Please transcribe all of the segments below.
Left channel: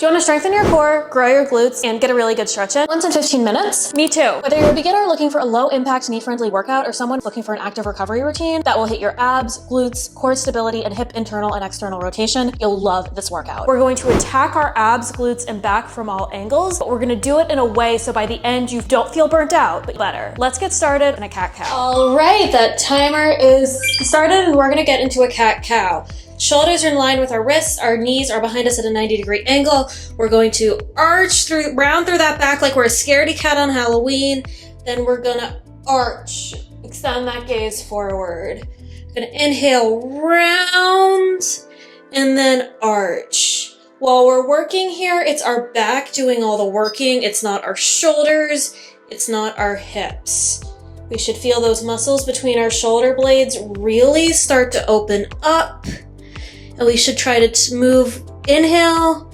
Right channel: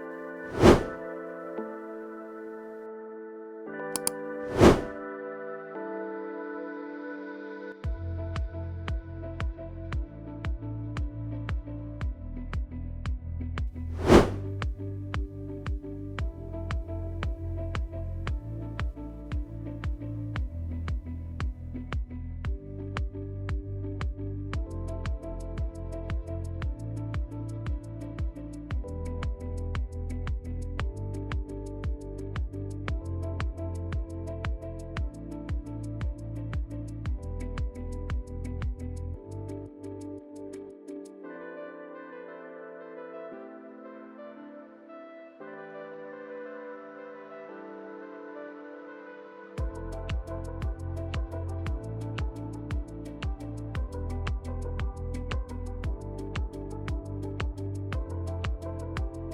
Do you want to strengthen your core, grow your glutes, and get a really good stretch in? Once in 15 minutes? Me too. Whether you're a beginner looking for a low-impact, knee-friendly workout or someone looking for an active recovery routine that will hit your abs, glutes, core stability, and hip internal and external rotation, you'll love this workout. We're going to attack our abs, glutes, and back from all angles, but we're going to do it in a way so by the end you don't feel burnt out, but better. Let's get started in a cat-cow. All right, that timer is started and we're going to get into a cat-cow. Shoulders are in line with our wrists, our knees are behind us at a 90-degree angle. We're going to arch round through that back like we're a scaredy cat on Halloween. Then we're gonna arch, extend that gaze forward. Gonna inhale, round, and then arch. While we're working here, it's our back doing all the working. It's not our shoulders, it's not our hips. We should feel those muscles between our shoulder blades really start to open up. And we should try to move, inhale,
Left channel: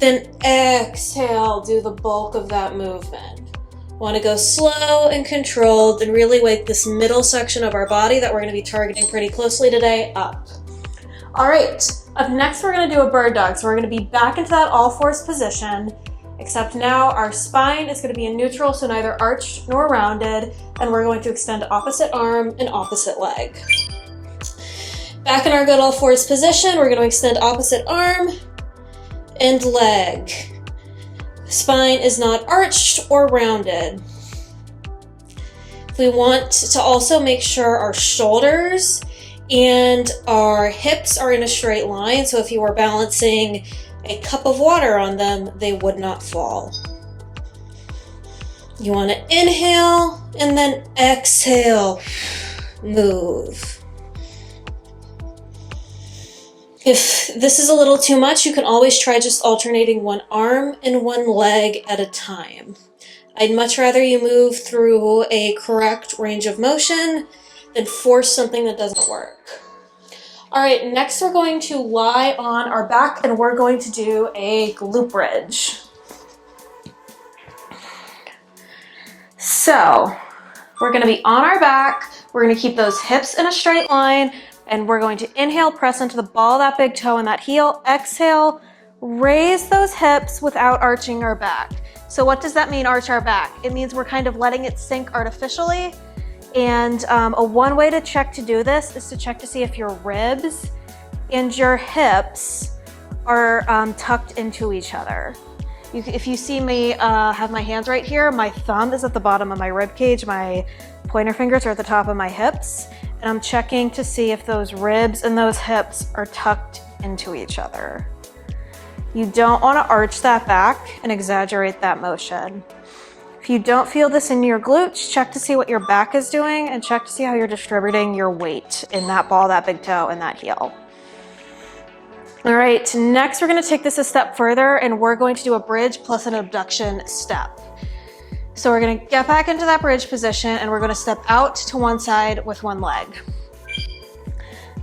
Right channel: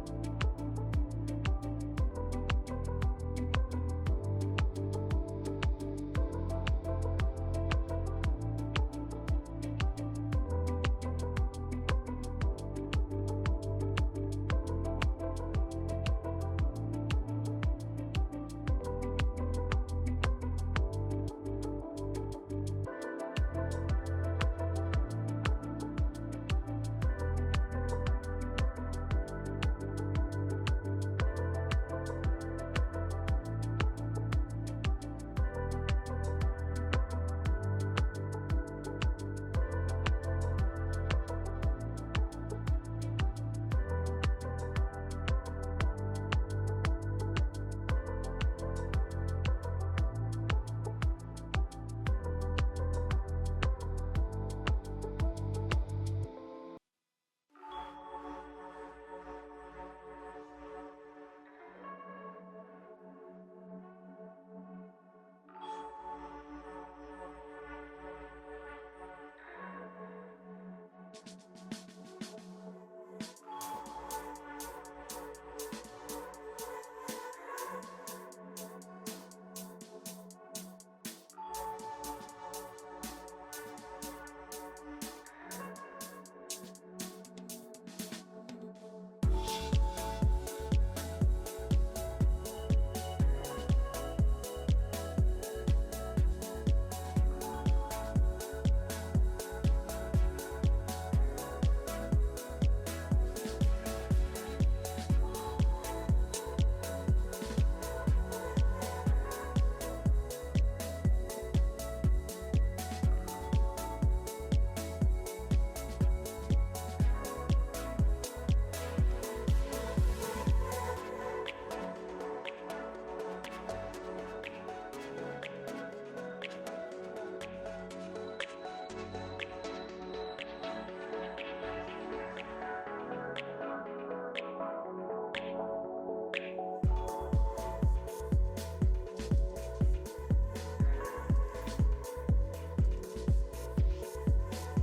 then exhale, do the bulk of that movement. Want to go slow and controlled and really wake this middle section of our body that we're going to be targeting pretty closely today up. All right, up next we're going to do a bird dog. So we're going to be back into that all fours position, except now our spine is going to be in neutral, so neither arched nor rounded, and we're going to extend opposite arm and opposite leg. Back in our good all fours position, we're going to extend opposite arm and leg. Spine is not arched or rounded. We want to also make sure our shoulders and our hips are in a straight line, so if you were balancing a cup of water on them, they would not fall. You want to inhale and then exhale, move. If this is a little too much, you can always try just alternating one arm and one leg at a time. I'd much rather you move through a correct range of motion than force something that doesn't work. All right, next we're going to lie on our back and we're going to do a glute bridge. So we're going to be on our back. We're going to keep those hips in a straight line. And we're going to inhale, press into the ball of that big toe and that heel. Exhale, raise those hips without arching our back. So what does that mean, arch our back? It means we're kind of letting it sink artificially. And one way to check to do this is to check to see if your ribs and your hips are tucked into each other. If you see me have my hands right here, my thumb is at the bottom of my rib cage, my pointer fingers are at the top of my hips. And I'm checking to see if those ribs and those hips are tucked into each other. You don't want to arch that back and exaggerate that motion. If you don't feel this in your glutes, check to see what your back is doing and check to see how you're distributing your weight in that ball, that big toe, and that heel. All right, next we're going to take this a step further and we're going to do a bridge plus an abduction step. So we're going to get back into that bridge position and we're going to step out to one side with one leg.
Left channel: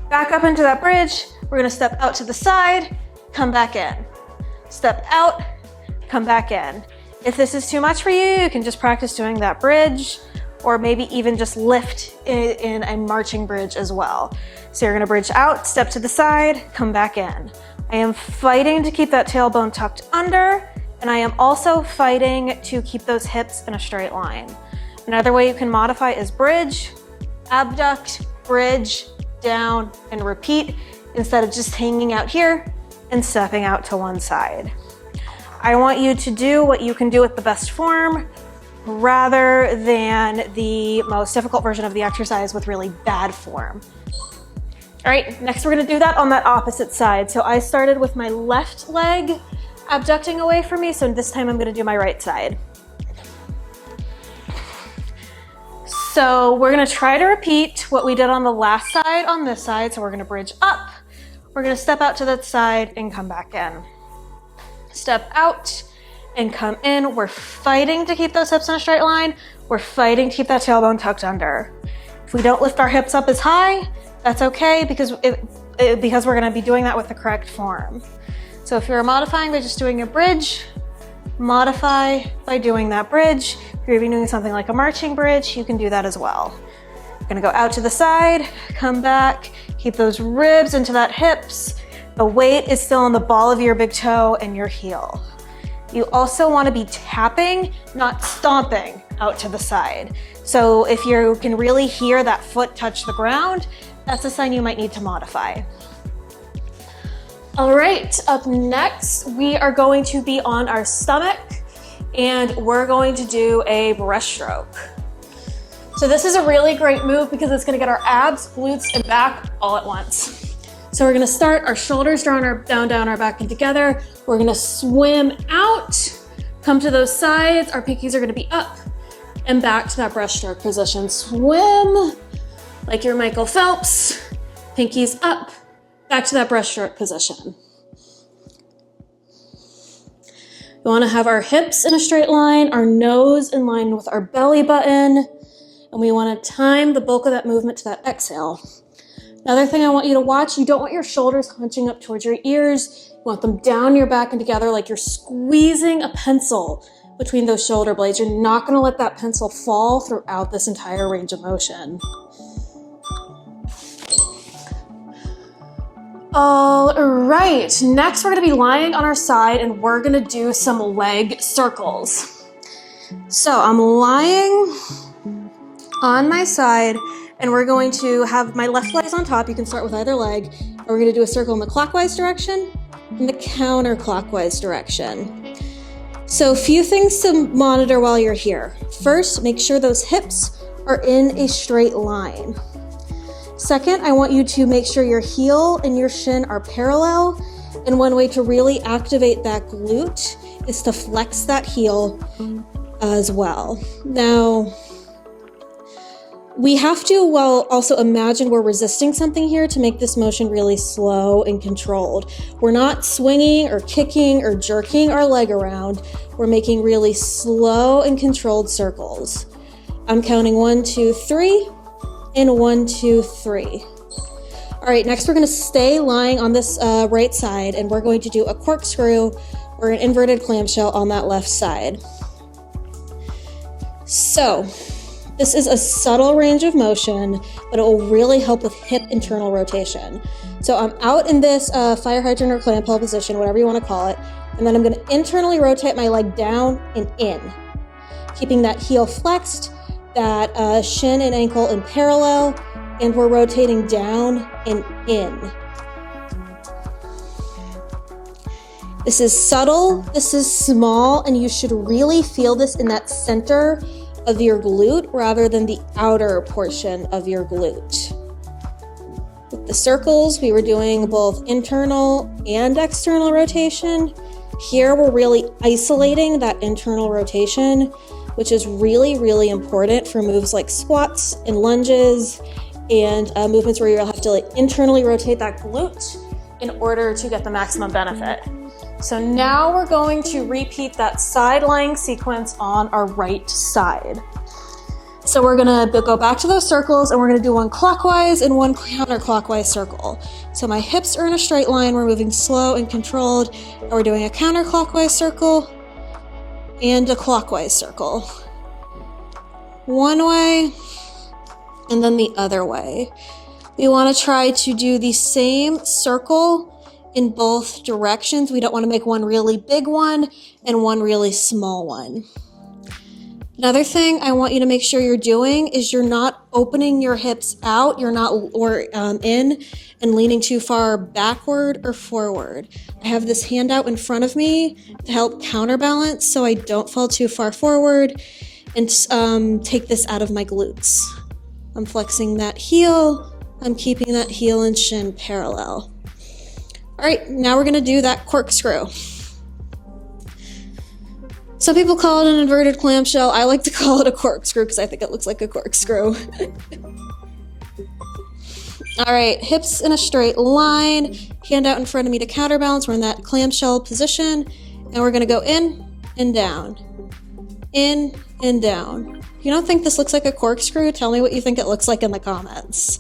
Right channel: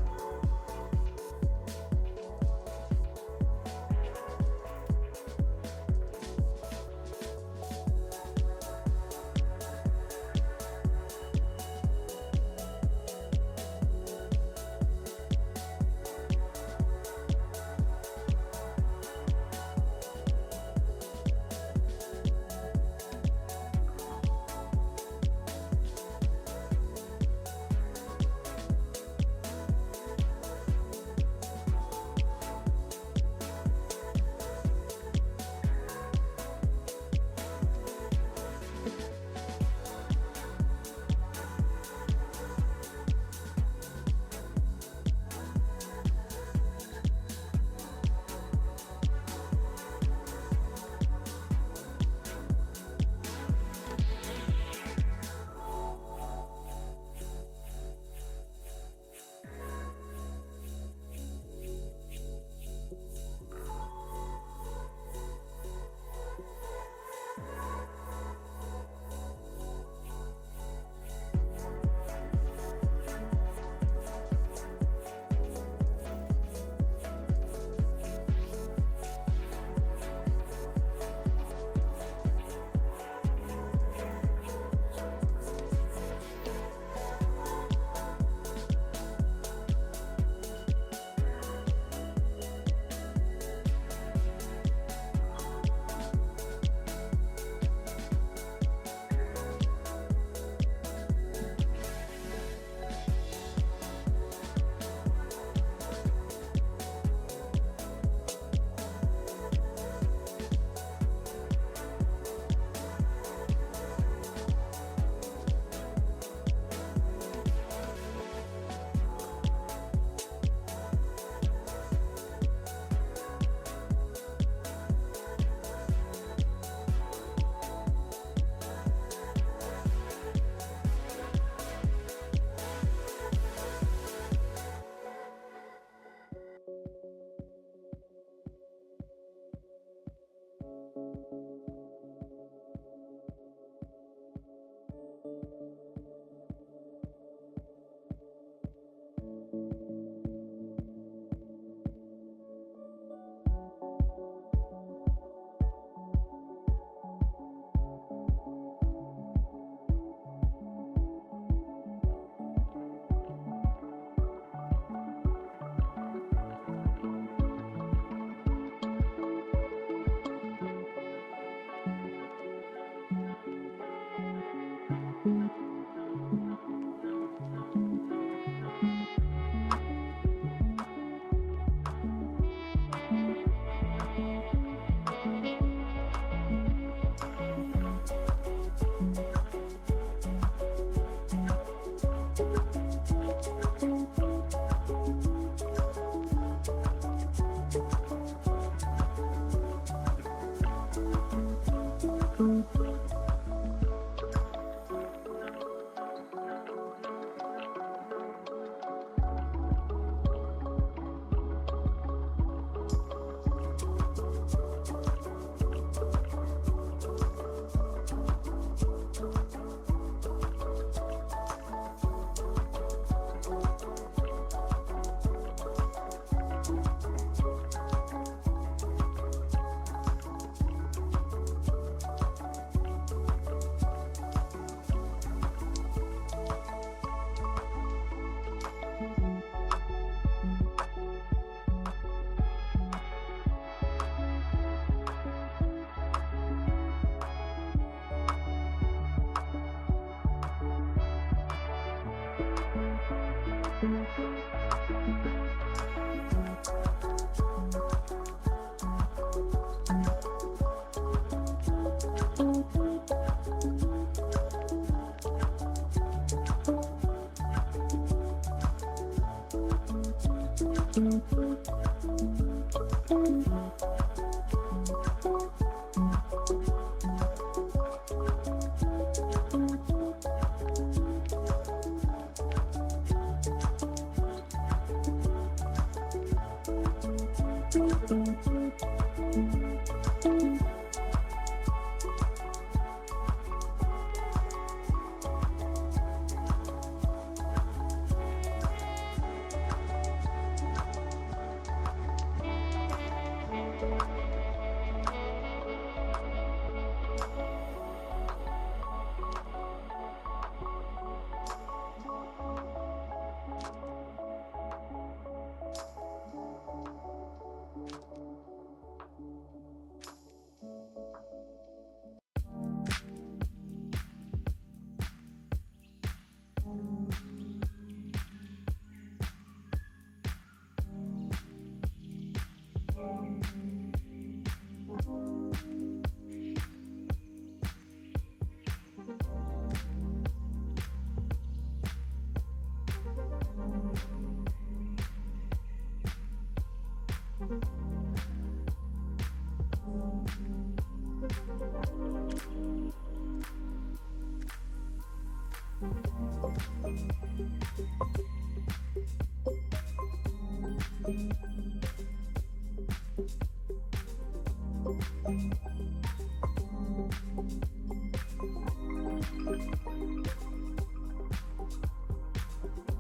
Back up into that bridge, we're going to step out to the side, come back in. Step out, come back in. If this is too much for you, you can just practice doing that bridge or maybe even just lift in a marching bridge as well. So you're going to bridge out, step to the side, come back in. I am fighting to keep that tailbone tucked under. And I am also fighting to keep those hips in a straight line. Another way you can modify is bridge, abduct, bridge, down, and repeat instead of just hanging out here and stepping out to one side. I want you to do what you can do with the best form rather than the most difficult version of the exercise with really bad form. All right, next we're gonna do that on that opposite side. So I started with my left leg abducting away from me, so this time I'm going to do my right side. So we're going to try to repeat what we did on the last side on this side. So we're going to bridge up, we're going to step out to that side and come back in. Step out and come in. We're fighting to keep those hips in a straight line. We're fighting to keep that tailbone tucked under. If we don't lift our hips up as high, that's okay because we're going to be doing that with the correct form. So if you're modifying by just doing a bridge, modify by doing that bridge. If you're even doing something like a marching bridge, you can do that as well. We're gonna go out to the side, come back, keep those ribs into that hips, The weight is still on the ball of your big toe and your heel. You also want to be tapping, not stomping out to the side. So if you can really hear that foot touch the ground, that's a sign you might need to modify. All right, up next, we are going to be on our stomach and we're going to do a breaststroke. So this is a really great move because it's gonna get our abs, glutes, and back all at once. So we're gonna start, our shoulders down our back and together. We're gonna swim out, come to those sides. Our pinkies are gonna be up and back to that breaststroke position. Swim like you're Michael Phelps, pinkies up, back to that breaststroke position. We wanna have our hips in a straight line, our nose in line with our belly button, and we wanna time the bulk of that movement to that exhale. Another thing I want you to watch, you don't want your shoulders hunching up towards your ears. You want them down your back and together like you're squeezing a pencil between those shoulder blades. You're not gonna let that pencil fall throughout this entire range of motion. All right, next we're gonna be lying on our side and we're gonna do some leg circles. So I'm lying on my side and we're going to have my left leg on top. You can start with either leg. And we're gonna do a circle in the clockwise direction and the counterclockwise direction. So a few things to monitor while you're here. First, make sure those hips are in a straight line. Second, I want you to make sure your heel and your shin are parallel. And one way to really activate that glute is to flex that heel as well. Now, we have to, also imagine we're resisting something here to make this motion really slow and controlled. We're not swinging or kicking or jerking our leg around. We're making really slow and controlled circles. I'm counting 1, 2, 3. And 1, 2, 3. All right, next we're gonna stay lying on this right side and we're going to do a corkscrew or an inverted clamshell on that left side. So this is a subtle range of motion, but it will really help with hip internal rotation. So I'm out in this fire hydrant or clam ball position, whatever you wanna call it, and then I'm gonna internally rotate my leg down and in, keeping that heel flexed, that shin and ankle in parallel, and we're rotating down and in. This is subtle, this is small, and you should really feel this in that center of your glute rather than the outer portion of your glute. With the circles, we were doing both internal and external rotation. Here, we're really isolating that internal rotation, which is really, really important for moves like squats and lunges and movements where you'll have to internally rotate that glute in order to get the maximum benefit. So now we're going to repeat that side lying sequence on our right side. So we're gonna go back to those circles and we're gonna do one clockwise and one counterclockwise circle. So my hips are in a straight line, we're moving slow and controlled, and we're doing a counterclockwise circle and a clockwise circle. One way and then the other way. We wanna try to do the same circle in both directions. We don't wanna make one really big one and one really small one. Another thing I want you to make sure you're doing is you're not opening your hips out, you're not in and leaning too far backward or forward. I have this hand out in front of me to help counterbalance so I don't fall too far forward and take this out of my glutes. I'm flexing that heel, I'm keeping that heel and shin parallel. All right, now we're gonna do that corkscrew. Some people call it an inverted clamshell. I like to call it a corkscrew because I think it looks like a corkscrew. All right, hips in a straight line, hand out in front of me to counterbalance. We're in that clamshell position, and we're gonna go in and down. In and down. If you don't think this looks like a corkscrew, tell me what you think it looks like in the comments.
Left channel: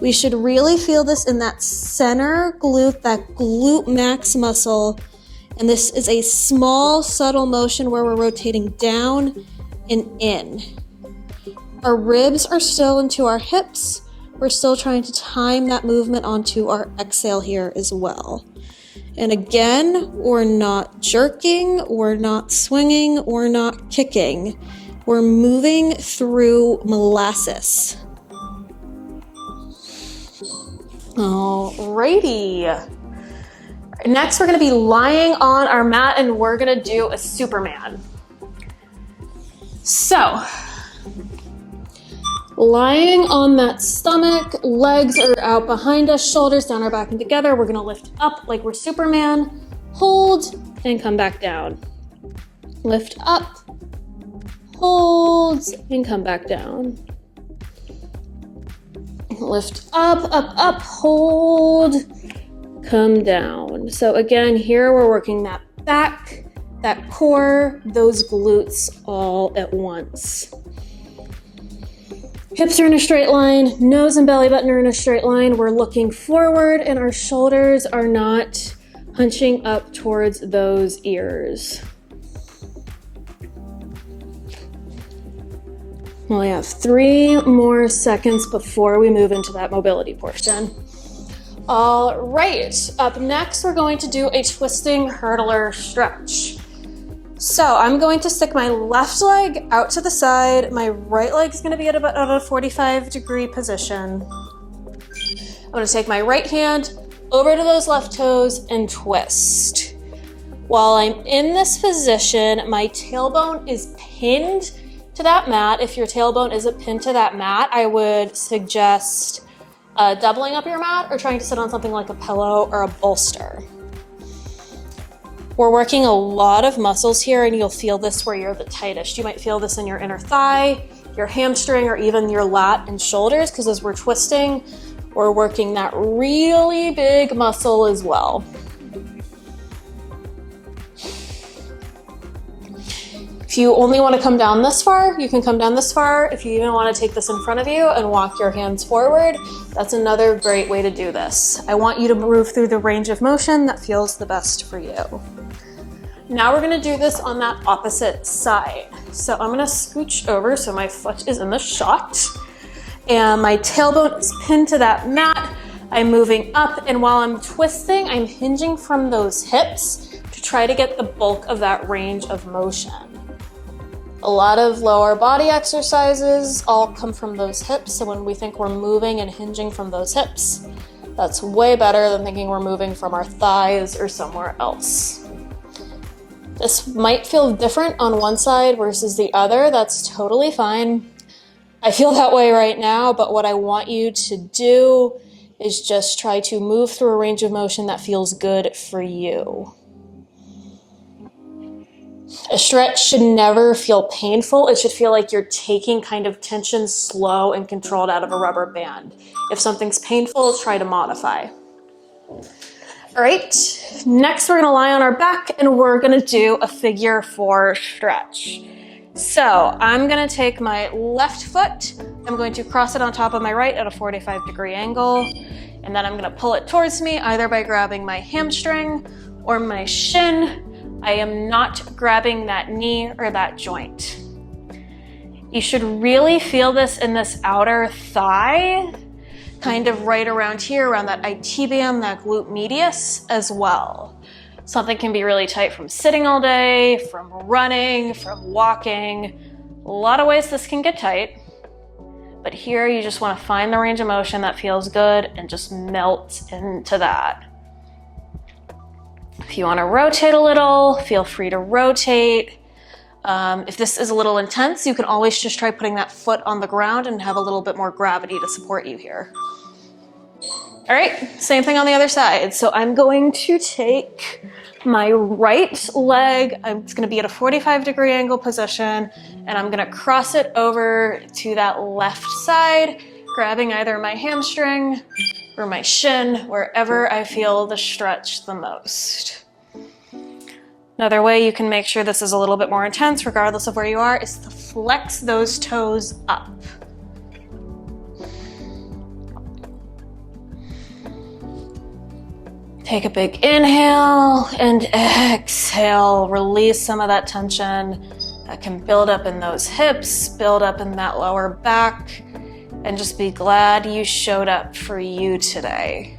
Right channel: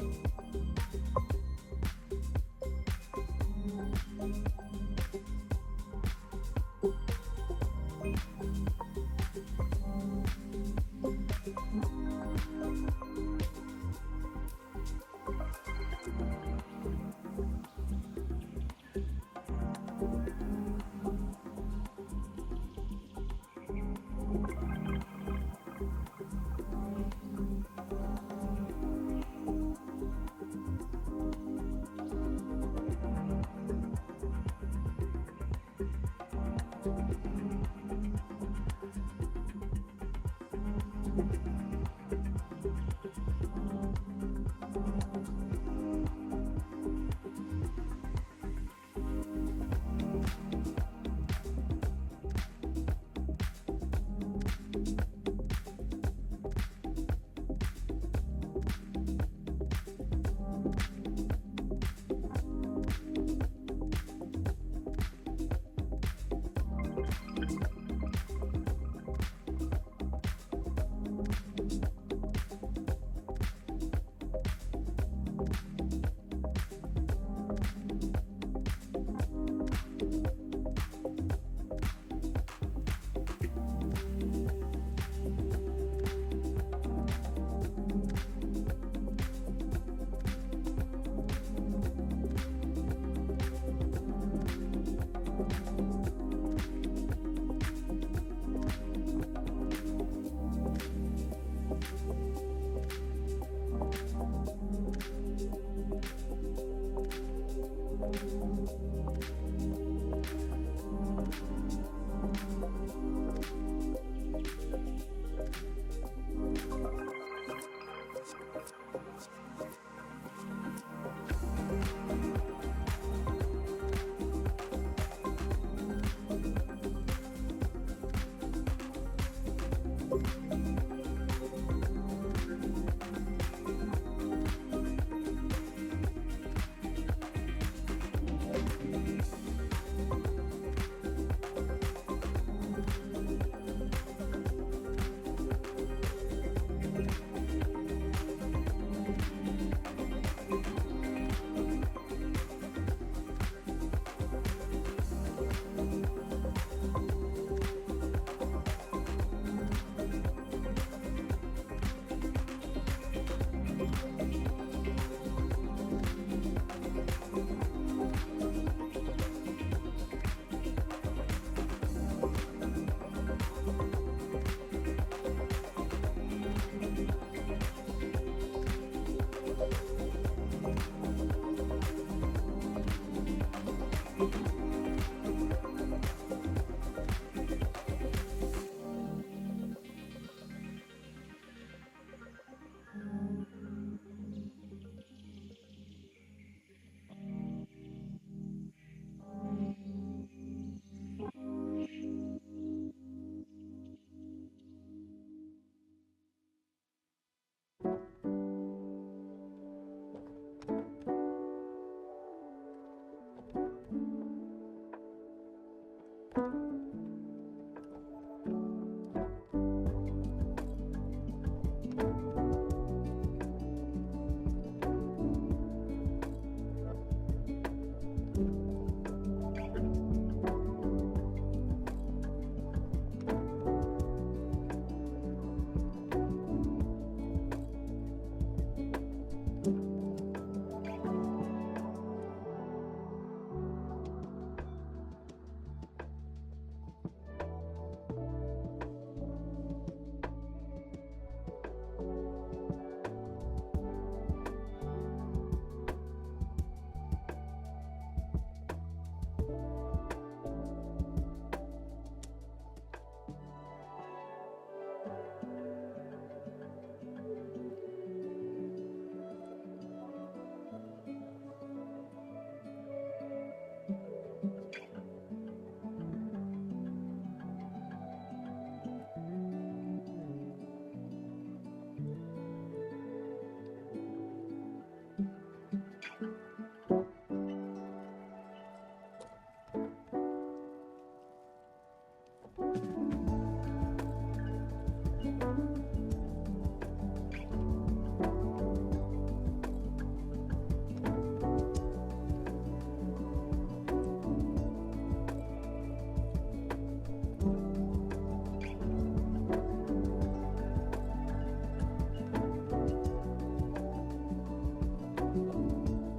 We should really feel this in that center glute, that glute max muscle. And this is a small, subtle motion where we're rotating down and in. Our ribs are still into our hips. We're still trying to time that movement onto our exhale here as well. And again, we're not jerking, we're not swinging, we're not kicking. We're moving through molasses. Alrighty. Next, we're gonna be lying on our mat and we're gonna do a Superman. So, lying on that stomach, legs are out behind us, shoulders down our back and together. We're gonna lift up like we're Superman, hold, and come back down. Lift up, hold, and come back down. Lift up, up, up, hold, come down. So again, here we're working that back, that core, those glutes all at once. Hips are in a straight line, nose and belly button are in a straight line. We're looking forward and our shoulders are not hunching up towards those ears. We only have 3 more seconds before we move into that mobility portion. All right, up next, we're going to do a twisting hurdler stretch. So I'm going to stick my left leg out to the side. My right leg is gonna be at about a 45-degree position. I'm gonna take my right hand over to those left toes and twist. While I'm in this position, my tailbone is pinned to that mat. If your tailbone isn't pinned to that mat, I would suggest doubling up your mat or trying to sit on something like a pillow or a bolster. We're working a lot of muscles here and you'll feel this where you're the tightest. You might feel this in your inner thigh, your hamstring, or even your lat and shoulders, because as we're twisting, we're working that really big muscle as well. If you only want to come down this far, you can come down this far. If you even want to take this in front of you and walk your hands forward, that's another great way to do this. I want you to move through the range of motion that feels the best for you. Now we're going to do this on that opposite side. So I'm going to scooch over so my foot is in the shot and my tailbone is pinned to that mat. I'm moving up, and while I'm twisting, I'm hinging from those hips to try to get the bulk of that range of motion. A lot of lower body exercises all come from those hips, so when we think we're moving and hinging from those hips, that's way better than thinking we're moving from our thighs or somewhere else. This might feel different on one side versus the other. That's totally fine. I feel that way right now, but what I want you to do is just try to move through a range of motion that feels good for you. A stretch should never feel painful. It should feel like you're taking kind of tension slow and controlled out of a rubber band. If something's painful, try to modify. All right, next we're gonna lie on our back and we're gonna do a figure 4 stretch. So I'm gonna take my left foot, I'm going to cross it on top of my right at a 45-degree angle, and then I'm gonna pull it towards me either by grabbing my hamstring or my shin. I am not grabbing that knee or that joint. You should really feel this in this outer thigh, kind of right around here, around that IT band, that glute medius as well. Something can be really tight from sitting all day, from running, from walking. A lot of ways this can get tight, but here you just want to find the range of motion that feels good and just melt into that. If you want to rotate a little, feel free to rotate. If this is a little intense, you can always just try putting that foot on the ground and have a little bit more gravity to support you here. All right, same thing on the other side. So I'm going to take my right leg, it's gonna be at a 45-degree angle position, and I'm gonna cross it over to that left side, grabbing either my hamstring or my shin, wherever I feel the stretch the most. Another way you can make sure this is a little bit more intense, regardless of where you are, is to flex those toes up. Take a big inhale and exhale. Release some of that tension that can build up in those hips, build up in that lower back, and just be glad you showed up for you today.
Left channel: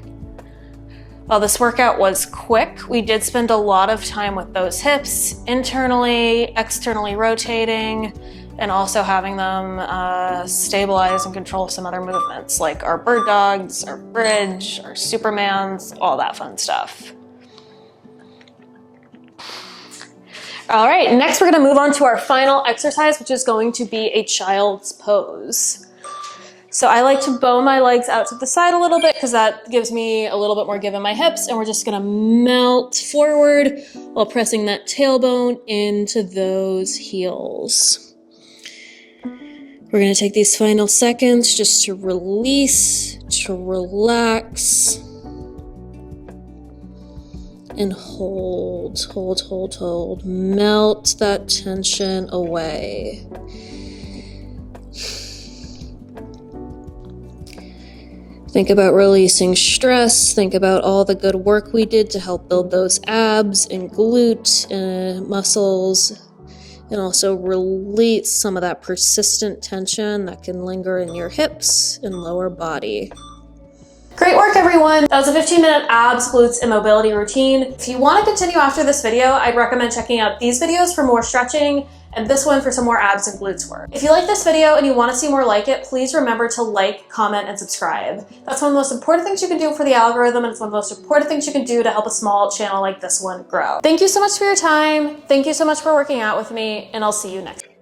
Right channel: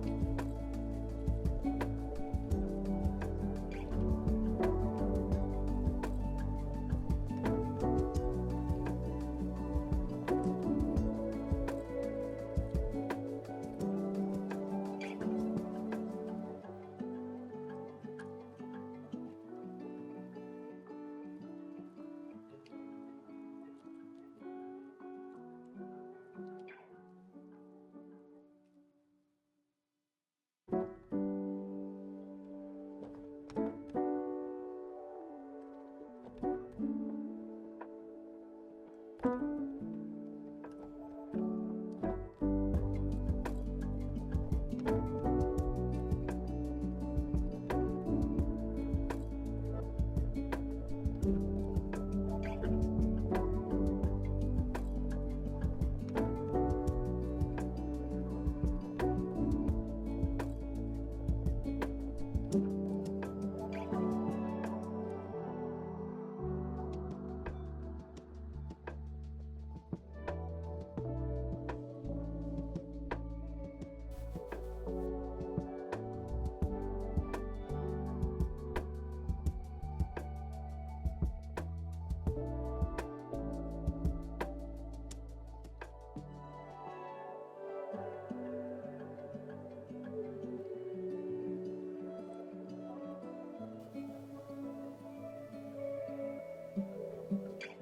While this workout was quick, we did spend a lot of time with those hips, internally, externally rotating, and also having them stabilize and control some other movements like our bird dogs, our bridge, our supermans, all that fun stuff. All right, next we're gonna move on to our final exercise, which is going to be a child's pose. So I like to bow my legs out to the side a little bit because that gives me a little bit more give in my hips, and we're just gonna melt forward while pressing that tailbone into those heels. We're gonna take these final seconds just to release, to relax, and hold, hold, hold, hold. Melt that tension away. Think about releasing stress. Think about all the good work we did to help build those abs and glute muscles, and also release some of that persistent tension that can linger in your hips and lower body. Great work, everyone. That was a 15-minute abs, glutes, and mobility routine. If you want to continue after this video, I'd recommend checking out these videos for more stretching and this one for some more abs and glutes work. If you like this video and you want to see more like it, please remember to like, comment, and subscribe. That's one of the most important things you can do for the algorithm, and it's one of the most important things you can do to help a small channel like this one grow. Thank you so much for your time. Thank you so much for working out with me, and I'll see you next time.